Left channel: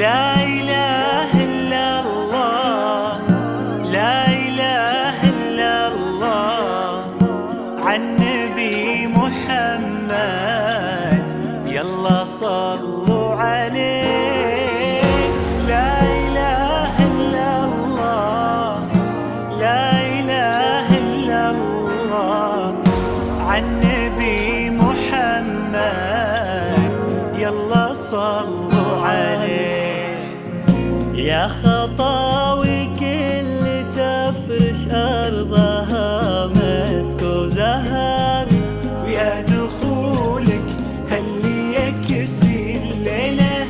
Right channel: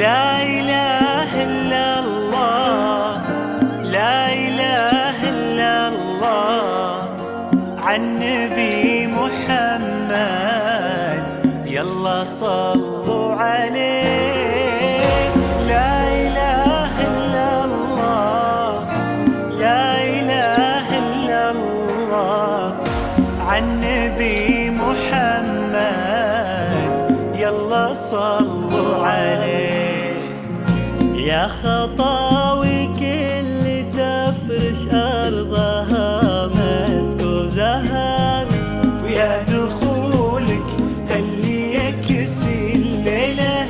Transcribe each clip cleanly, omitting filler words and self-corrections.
لا إله إلا الله، لا إله إلا الله، عالنبي محمد يلا صلوا عليه. لا إله إلا الله، لا إله إلا الله، عالنبي محمد يلا صلوا عليه. يا خطاوي كل تفرش أرضها مسك وزهر، ويا دخولك اللي يكسي الليلة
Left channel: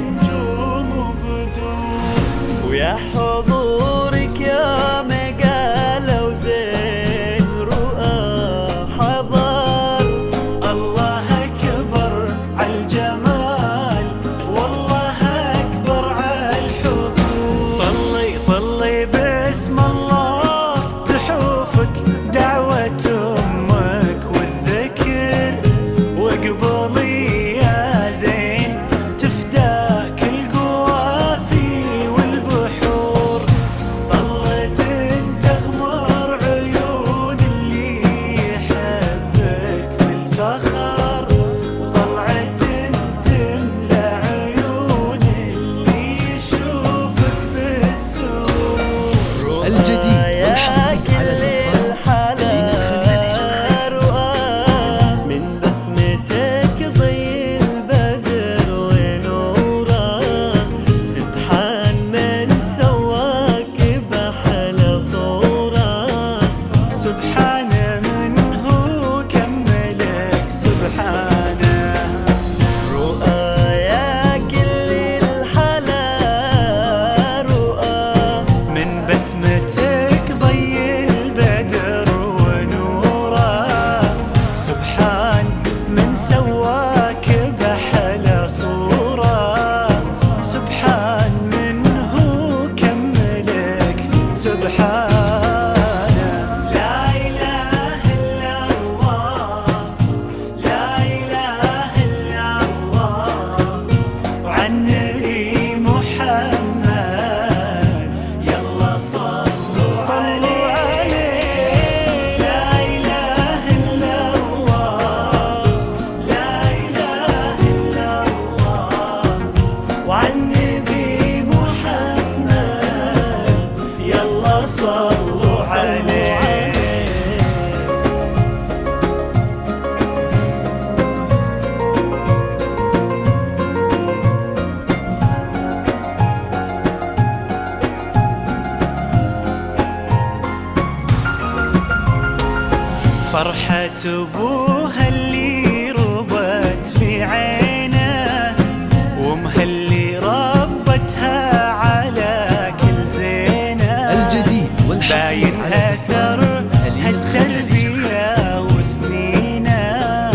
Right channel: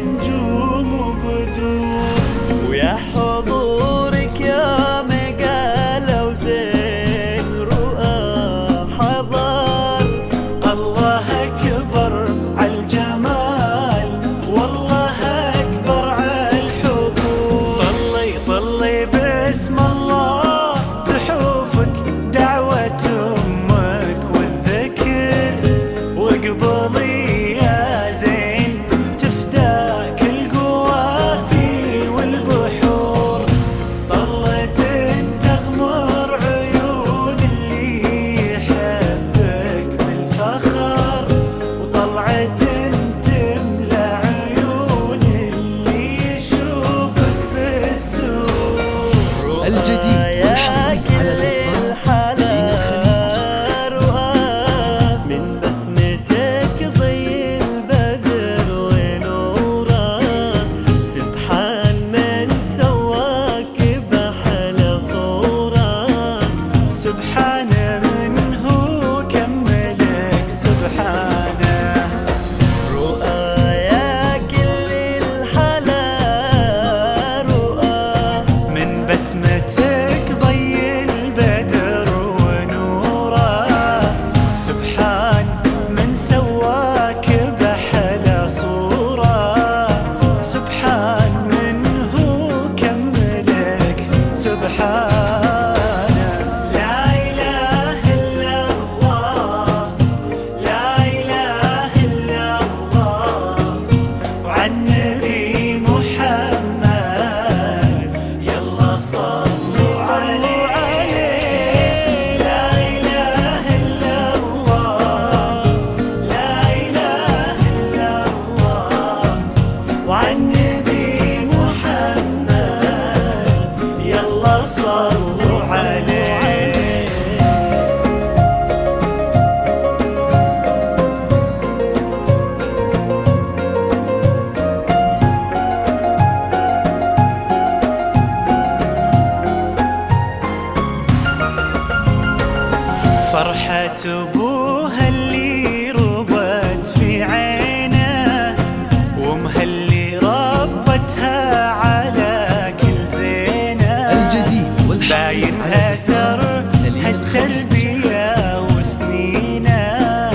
نجوم وبدور، ويا حضورك يا مقالة وزين رؤى حضر. الله أكبر عالجمال، والله أكبر عالحضور. طلي باسم الله تحوفك دعوة أمك والذكر، واقبلي يا زين تفداك القوافي والبحور. ظلت تغمر عيون اللي يحبك بالفخر، وطلعت تملى عيون اللي يشوفك بالسرور. الجديد والحصري على من بسمتك ضي البدر ونوره، سبحان من سواك بأحلى صورة، سبحان من هو كملك سبحانه. رؤيا كل الحلا رؤى، من بسمتك ضي البدر ونوره، سبحان من سواك بأحلى صورة، سبحان من هو كملك سبحانه. لا إله إلا الله، لا إله إلا الله، وعالنبي محمد يلا صلوا عليه. لا إله إلا الله، لا إله إلا الله، وعالنبي محمد يلا صلوا عليه. فرحة أبوها اللي ربت في عينه، وامها اللي ربتها على كل زينه. الجديد والحصري باين على أثر هالتربية وسنينه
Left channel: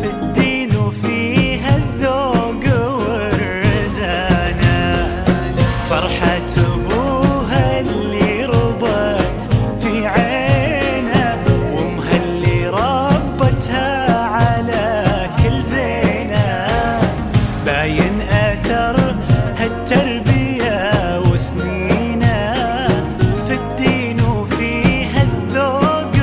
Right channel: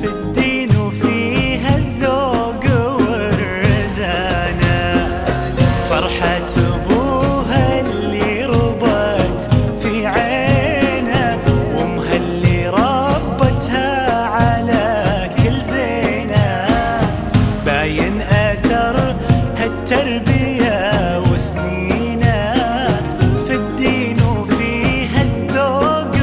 في الدين وفيها الذوق والرزانة. فرحة أبوها اللي ربت في عينه، وامها اللي ربتها على كل زينه. باين أثر هالتربية وسنينه في الدين وفيها الذوق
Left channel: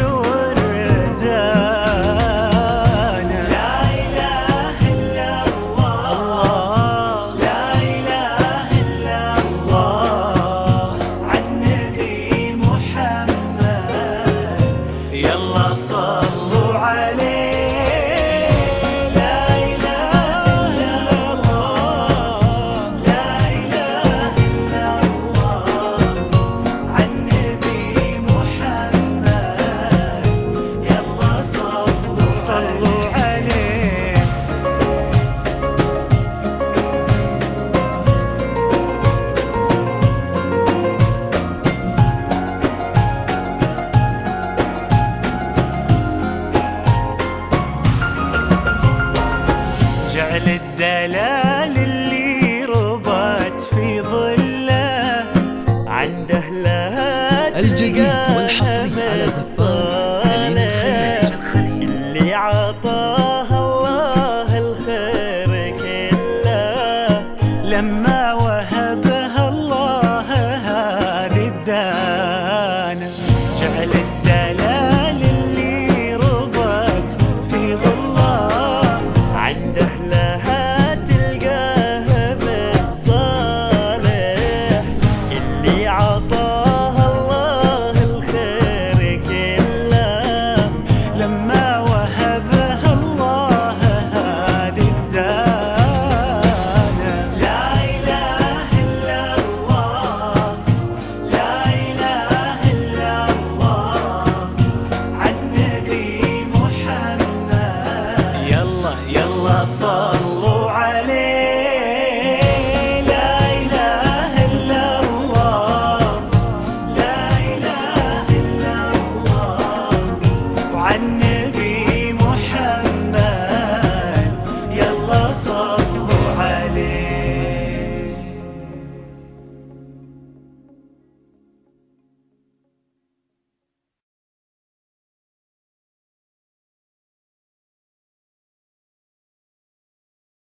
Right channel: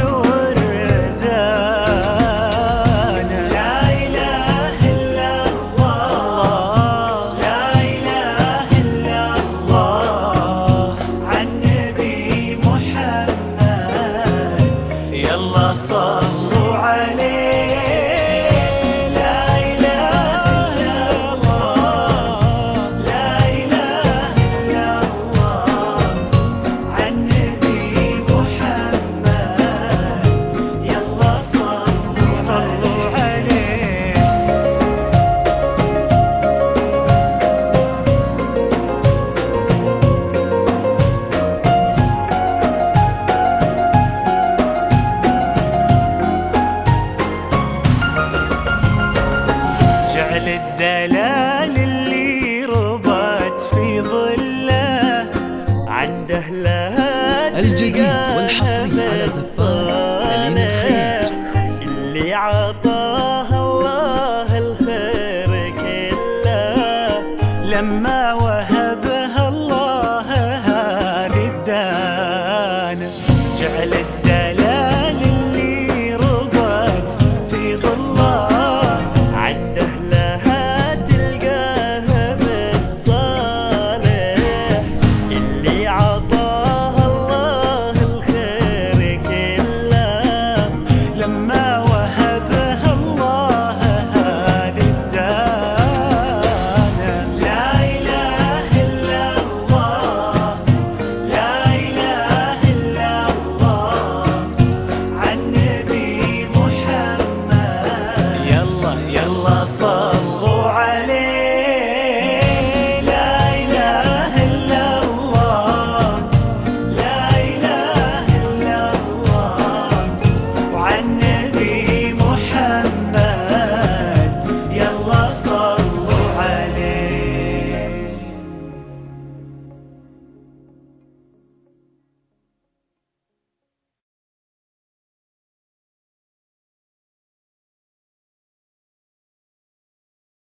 الدلال اللي ربت في ظله عنده لها الجديد والحصري على زفات ألين الخير. اللي عطاها الله الخير كله لما وهبها الله هذه الدانة. جعل الدلال اللي ربت في ظله عنده لها تلقاها بتصالح. اللي عطاها الله الخير كله لما وهبها الله هذه الدانة. لا إله إلا الله، لا إله إلا الله، عالنبي محمد. يلا يلا صلوا عليه. لا إله إلا الله، لا إله إلا الله، وعن